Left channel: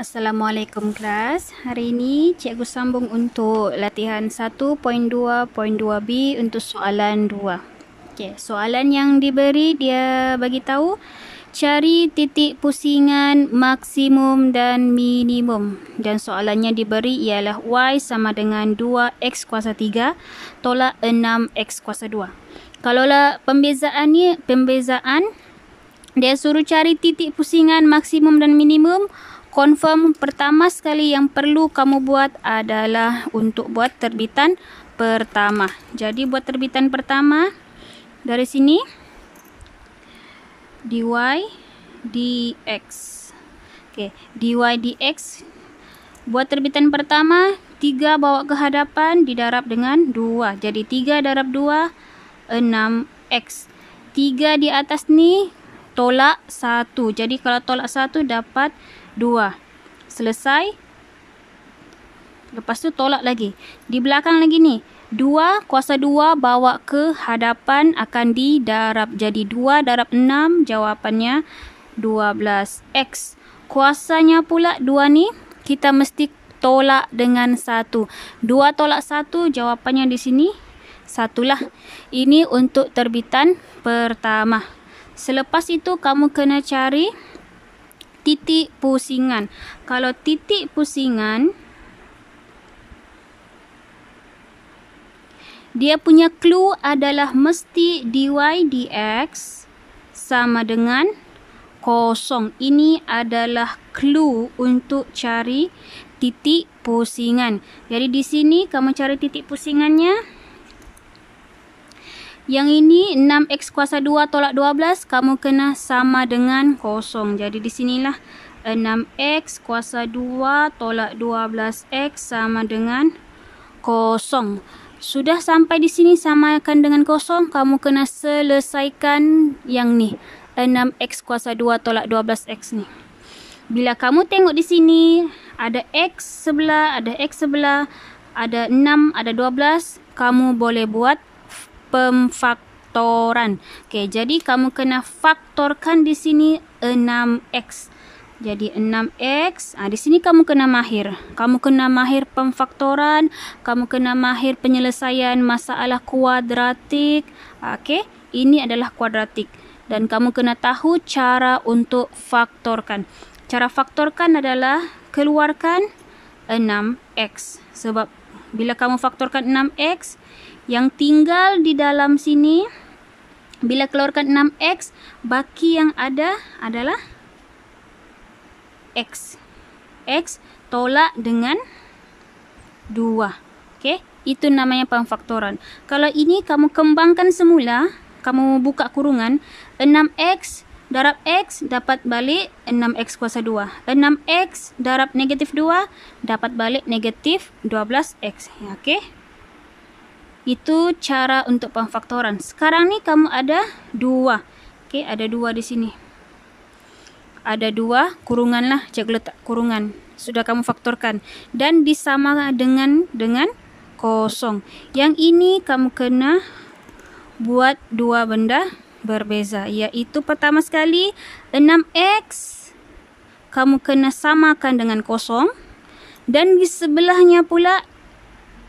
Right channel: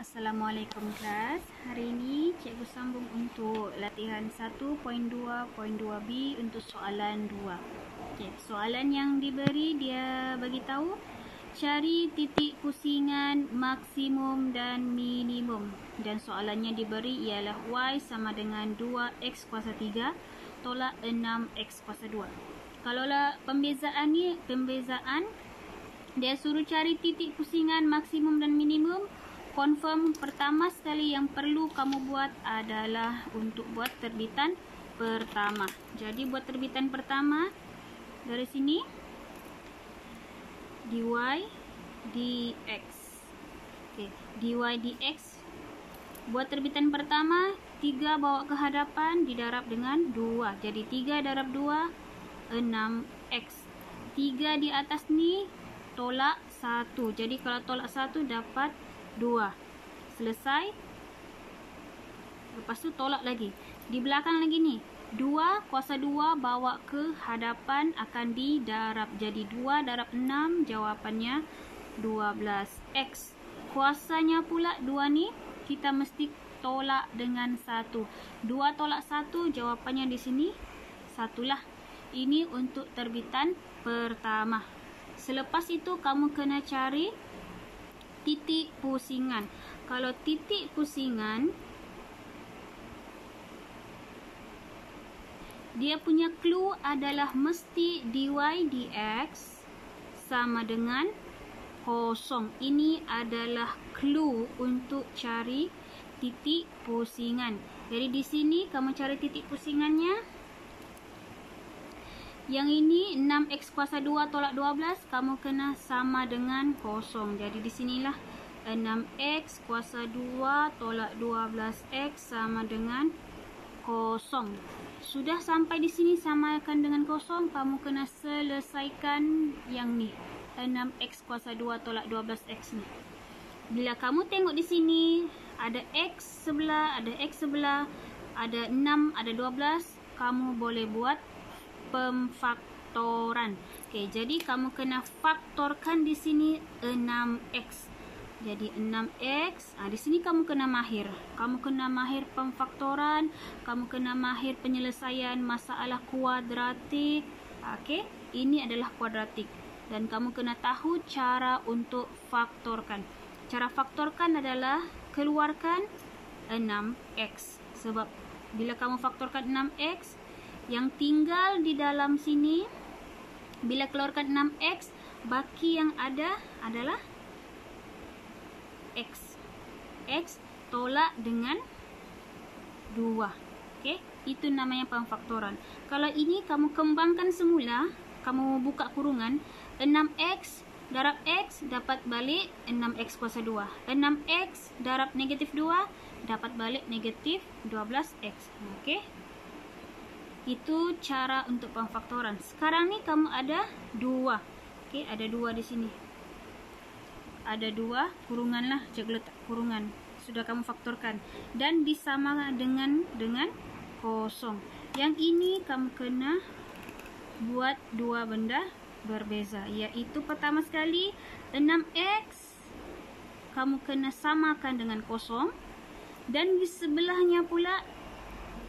Assalamualaikum kelas. Hari ini cikgu sambung untuk latihan 1.2.2b untuk soalan 2. Okey, soalan yang diberi dia bagi tahu cari titik pusingan maksimum dan minimum. Dan soalannya diberi ialah y sama dengan 2x kuasa 3 tolak 6x kuasa 2. Kalaulah pembezaan dia suruh cari titik pusingan maksimum dan minimum. Confirm pertama sekali yang perlu kamu buat adalah untuk buat terbitan pertama. Jadi buat terbitan pertama dari sini dy dx. Okey, dy dx buat terbitan pertama 3 bawa ke hadapan didarab dengan 2. Jadi 3 darab 2 6x. 3 di atas ni tolak 1. Jadi kalau tolak 1 dapat 2. Selesai. Lepas tu tolak lagi. Di belakang lagi ni. 2 kuasa 2 bawa ke hadapan akan didarab. Jadi 2 darab 6 jawapannya 12x. Kuasanya pula 2 ni kita mesti tolak dengan 1. 2 tolak 1 jawapannya di sini 1 lah. Ini untuk terbitan pertama. Selepas itu kamu kena cari titik pusingan. Kalau titik pusingan, dia punya clue adalah mesti dy dx sama dengan 0. Ini adalah clue untuk cari titik pusingan. Jadi di sini kamu cari titik pusingannya. Yang ini 6x kuasa 2 tolak 12, kamu kena sama dengan 0. Jadi di sinilah 6x kuasa 2 tolak 12x sama dengan 0. Sudah sampai di sini samakan dengan 0, kamu kena selesaikan yang ni. 6x kuasa 2 tolak 12x ni. Bila kamu tengok di sini, ada x sebelah, ada x sebelah, ada 6, ada 12, kamu boleh buat pemfaktoran. Okey, jadi kamu kena faktorkan di sini 6x. Jadi 6x, di sini kamu kena mahir. Kamu kena mahir pemfaktoran, kamu kena mahir penyelesaian masalah kuadratik. Okey, ini adalah kuadratik dan kamu kena tahu cara untuk faktorkan. Cara faktorkan adalah keluarkan 6x. Sebab bila kamu faktorkan 6x, yang tinggal di dalam sini, bila keluarkan 6x, baki yang ada adalah x. X tolak dengan 2. Okey, itu namanya pemfaktoran. Kalau ini kamu kembangkan semula, kamu buka kurungan, 6x darab x dapat balik 6x kuasa 2. 6x darab negatif 2 dapat balik negatif 12x. Okey. Itu cara untuk pemfaktoran. Sekarang ni kamu ada 2. Okey, ada 2 di sini. Ada 2 kurungan lah. Cikgu letak kurungan. Sudah kamu faktorkan. Dan disama dengan 0. Yang ini kamu kena buat 2 benda berbeza. Iaitu pertama sekali 6x kamu kena samakan dengan 0. Dan di sebelahnya pula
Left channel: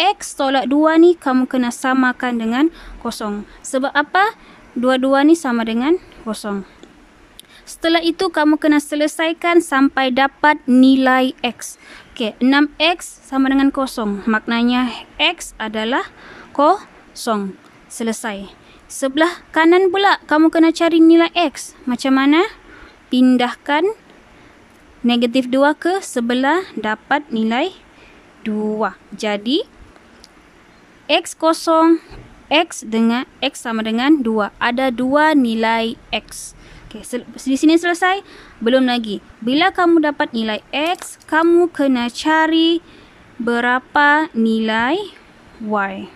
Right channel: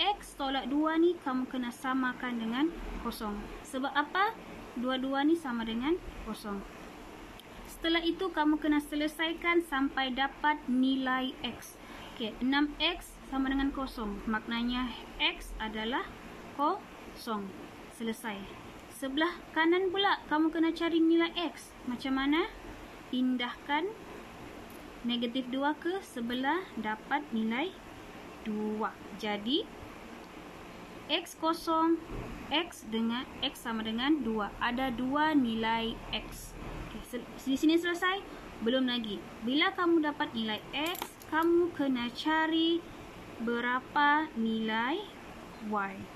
x tolak 2 ni kamu kena samakan dengan 0. Sebab apa? Dua-dua ni sama dengan 0. Setelah itu kamu kena selesaikan sampai dapat nilai x. Okey, 6x sama dengan 0. Maknanya x adalah 0. Selesai. Sebelah kanan pula kamu kena cari nilai x. Macam mana? Pindahkan negatif 2 ke sebelah dapat nilai 2. Jadi x0, x sama dengan 2. Ada 2 nilai x. Okey, di sini selesai? Belum lagi. Bila kamu dapat nilai x, kamu kena cari berapa nilai y.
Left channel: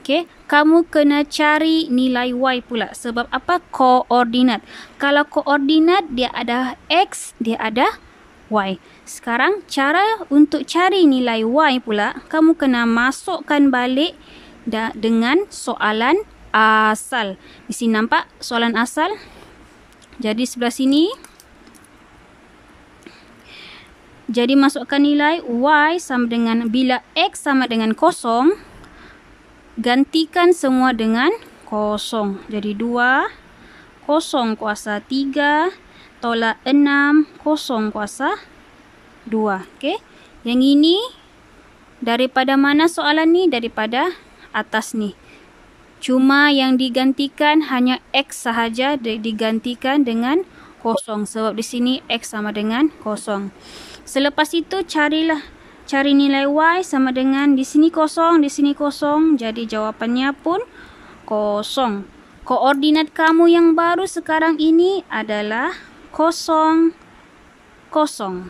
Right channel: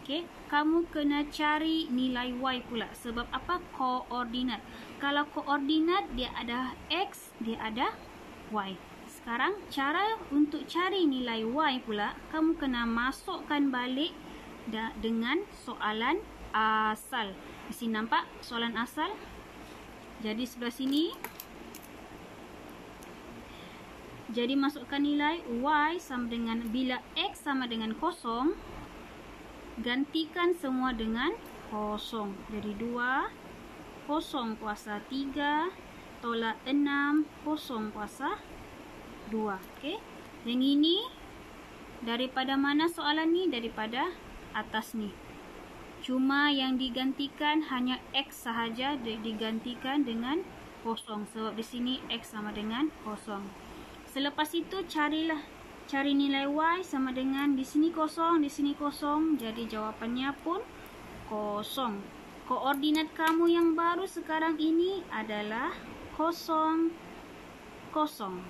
Okey, kamu kena cari nilai y pula. Sebab apa? Koordinat. Kalau koordinat dia ada x, dia ada y. Sekarang cara untuk cari nilai y pula, kamu kena masukkan balik dengan soalan asal. Di sini nampak soalan asal. Jadi sebelah sini Jadi masukkan nilai Y sama dengan, bila X sama dengan 0, gantikan semua dengan 0. Jadi 2, 0 kuasa 3, tolak 6, 0 kuasa 2. Okey. Yang ini daripada mana soalan ni? Daripada atas ni. Cuma yang digantikan hanya X sahaja, digantikan dengan 0. Sebab di sini X sama dengan 0. Selepas itu cari nilai Y sama dengan, di sini 0, di sini 0. Jadi jawapannya pun 0. Koordinat kamu yang baru sekarang ini adalah 0, 0.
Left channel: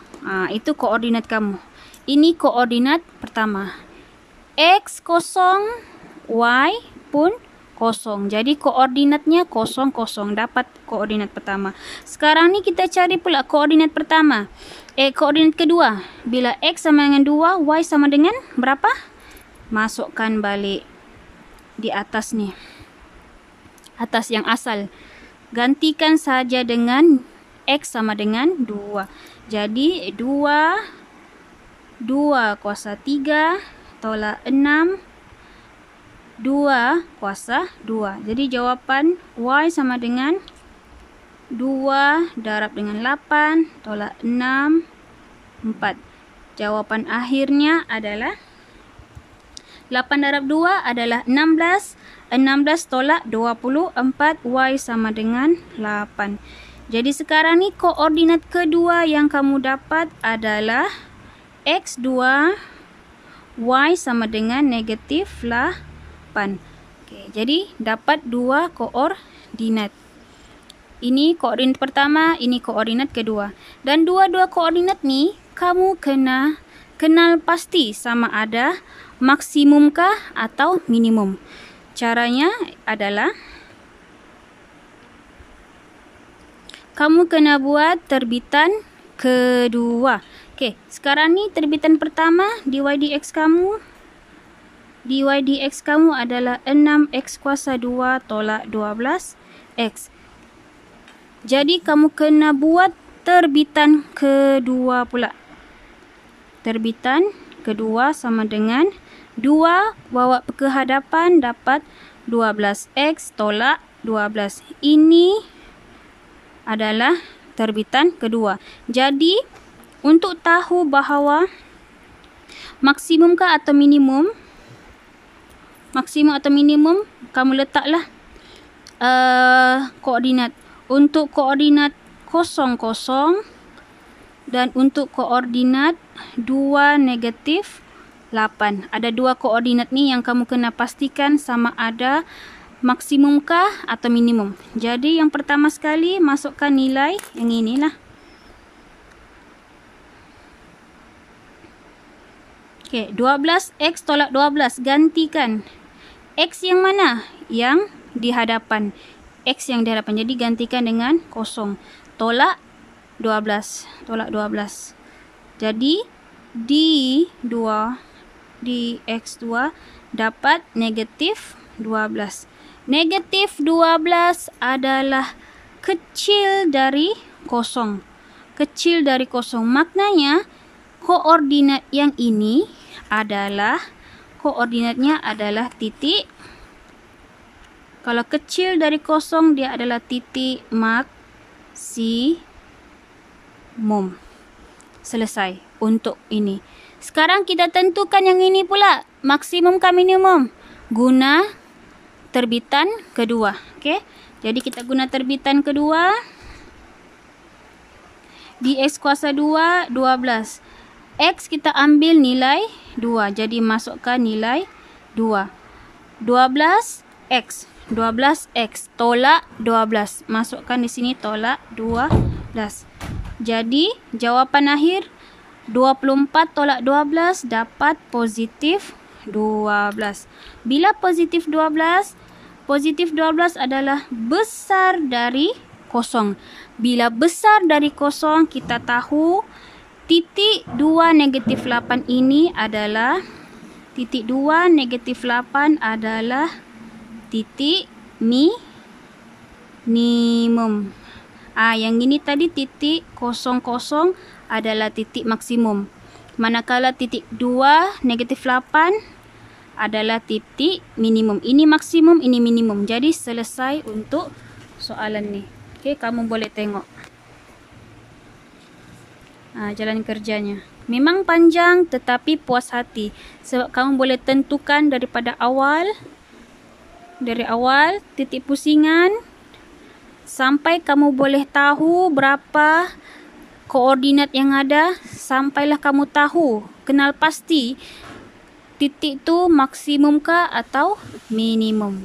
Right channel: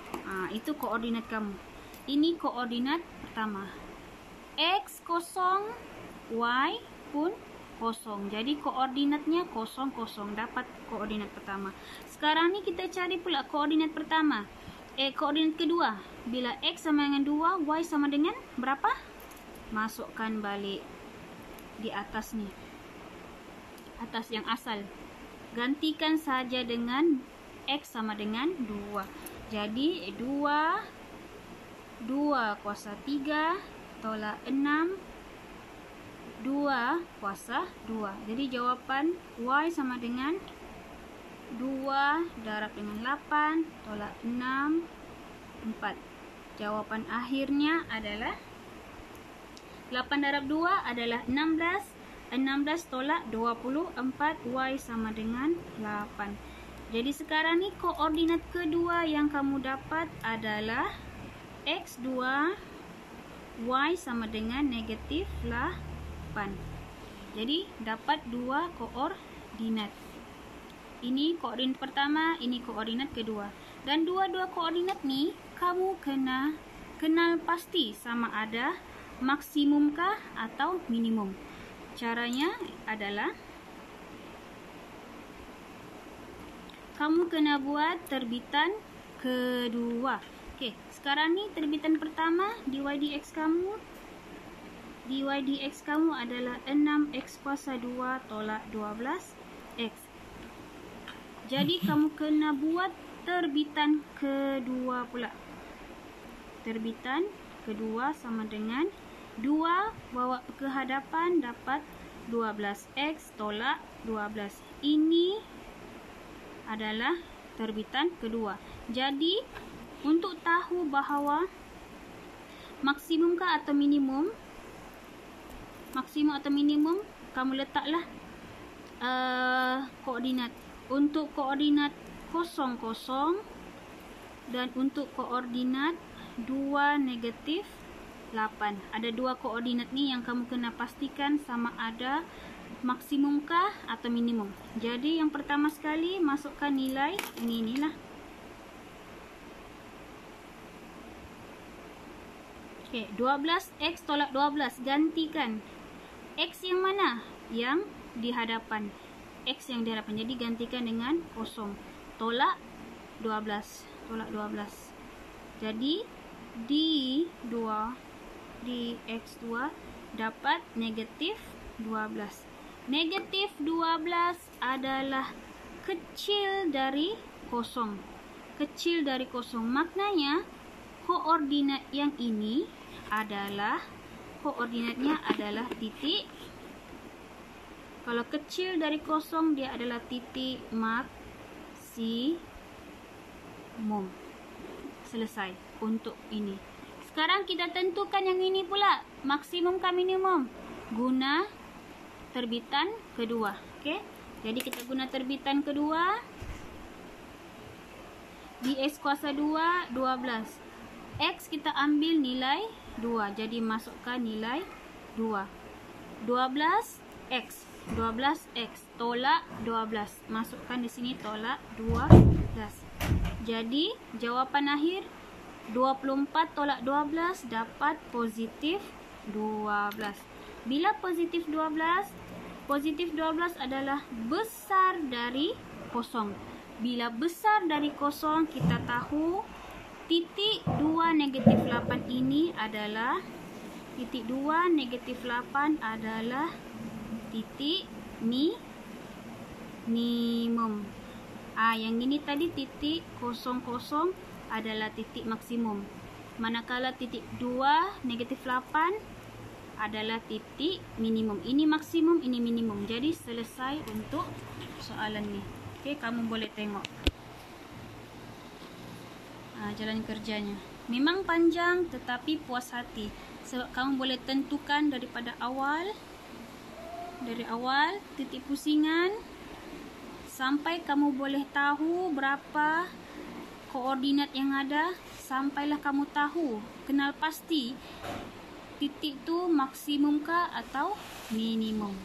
Itu koordinat kamu. Ini koordinat pertama. X 0, Y pun 0. Jadi koordinatnya 0, 0. Dapat koordinat pertama. Sekarang ni kita cari pula koordinat pertama. Koordinat kedua. Bila X sama dengan 2, Y sama dengan berapa? Masukkan balik di atas ni. Atas yang asal. Gantikan saja dengan X sama dengan 2. Jadi 2 kuasa 3 tolak 6, 2 kuasa 2. Jadi jawapan Y sama dengan 2 darab dengan 8 tolak 6, 4. Jawapan akhirnya adalah 8 darab 2 adalah 16. 16 tolak 24, Y sama dengan 8. Jadi sekarang ni koordinat kedua yang kamu dapat adalah X2, Y sama dengan negatif 8. Okey, jadi dapat dua koordinat. Ini koordinat pertama, ini koordinat kedua. Dan dua-dua koordinat ni kamu kena kenal pasti sama ada maksimumkah atau minimum. Caranya adalah kamu kena buat terbitan kedua. Okey, sekarang ni terbitan pertama, dy dx kamu. Dy dx kamu adalah 6x kuasa 2 tolak 12x. Jadi kamu kena buat terbitan kedua pula. Terbitan kedua sama dengan 2 bawa ke hadapan dapat 12x tolak 12. Ini adalah terbitan kedua. Jadi untuk tahu bahawa maksimumkah atau minimum, maksimum atau minimum, kamu letaklah koordinat. Untuk koordinat 0, 0 dan untuk koordinat 2 negatif 8. Ada dua koordinat ni yang kamu kena pastikan sama ada maksimumkah atau minimum. Jadi yang pertama sekali masukkan nilai yang inilah. Okey, 12x tolak 12 gantikan. X yang mana? Yang di hadapan. X yang di hadapan. Jadi gantikan dengan 0. Tolak 12. Tolak 12. Jadi D2 dx2 dapat negatif 12. Negatif 12 adalah kecil dari 0. Kecil dari 0. Maknanya koordinat yang ini adalah koordinatnya adalah titik. Kalau kecil dari 0 dia adalah titik maksimum. Selesai untuk ini. Sekarang kita tentukan yang ini pula. Maksimum ke minimum? Guna terbitan kedua. Okey. Jadi kita guna terbitan kedua. Dx kuasa 2, 12. X kita ambil nilai 2. Jadi masukkan nilai 2. 12x. 12x tolak 12. Masukkan di sini tolak 12. Jadi jawapan akhir 24 tolak 12 dapat positif 12. Bila positif 12? Positif 12 adalah besar dari 0. Bila besar dari 0, kita tahu titik 2 negatif 8 ini adalah titik 2 negatif 8 adalah titik minimum Yang ini tadi titik 00 adalah titik maksimum. Manakala titik 2, negatif 8 adalah titik minimum. Ini maksimum, ini minimum. Jadi selesai untuk soalan ni. Okey, kamu boleh tengok. Jalan kerjanya. Memang panjang tetapi puas hati. Sebab kamu boleh tentukan daripada awal. Dari awal titik pusingan sampai kamu boleh tahu berapa koordinat yang ada, sampailah kamu tahu, kenal pasti titik tu maksimum kah atau minimum.